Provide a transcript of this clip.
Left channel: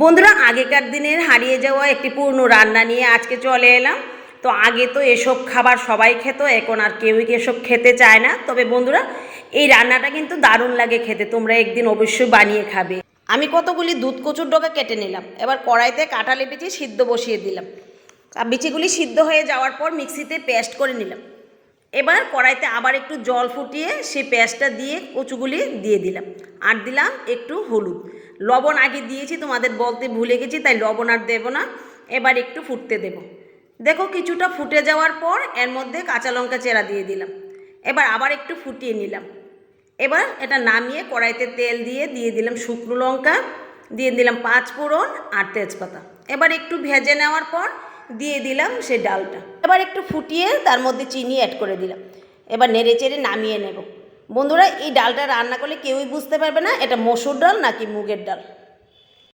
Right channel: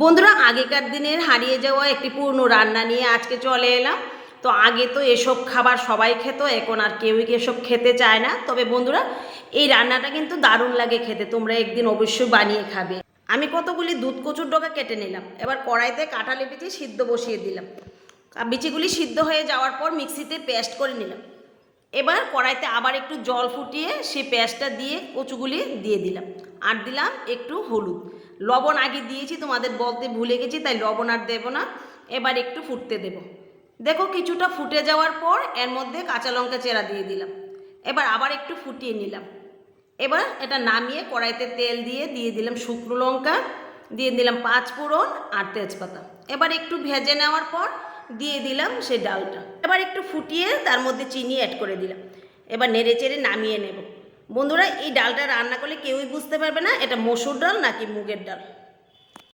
বন্ধুরা, আগেকার দিনের হারিয়ে যাওয়া একটি পুরনো রান্না নিয়ে আজকে চলে এলাম। তো আগে তো এসব খাবার সবাই খেত, এখন আর কেউই এসব খেতে চায় না। তবে বন্ধুরা, এই রান্নাটা কিন্তু দারুণ লাগে খেতে, তোমরা একদিন অবশ্যই বানিয়ে খাবে। আমি কতগুলি দুধ কচুর ডগা কেটে নিলাম, এবার কড়াইতে কাঁঠালি বিচি সিদ্ধ বসিয়ে দিলাম। বিচিগুলি সিদ্ধ হয়ে যাওয়ার পর মিক্সিতে পেস্ট করে নিলাম। এবার কড়াইতে আবার একটু জল ফুটিয়ে সেই পেস্টটা দিয়ে কচুগুলি দিয়ে দিলাম। আর দিলাম একটু হলুদ, লবণ আগে দিয়েছি, তোমাদের বলতে ভুলে গেছি, তাই লবণ আর দেবো না। এবার একটু ফুটতে দেব। দেখো কিছুটা ফুটে যাওয়ার পর এর মধ্যে কাঁচা লঙ্কা চেরা দিয়ে দিলাম। এবার আবার একটু ফুটিয়ে নিলাম। এবার এটা নামিয়ে কড়াইতে তেল দিয়ে দিলাম শুকনো লঙ্কা, দিয়ে দিলাম 5 ফোড়ন আর তেজপাতা। এবার একটু ভেজে নেওয়ার পর দিয়ে দিলাম সেই ডালটা। এবার একটু ফুটিয়ে তার মধ্যে চিনি অ্যাড করে দিলাম। এবার নেড়ে চেড়ে নামিয়ে নেব। বন্ধুরা, এই ডালটা রান্না করলে কেউই বুঝতে পারবে না এটা মসুর ডাল নাকি মুগের ডাল।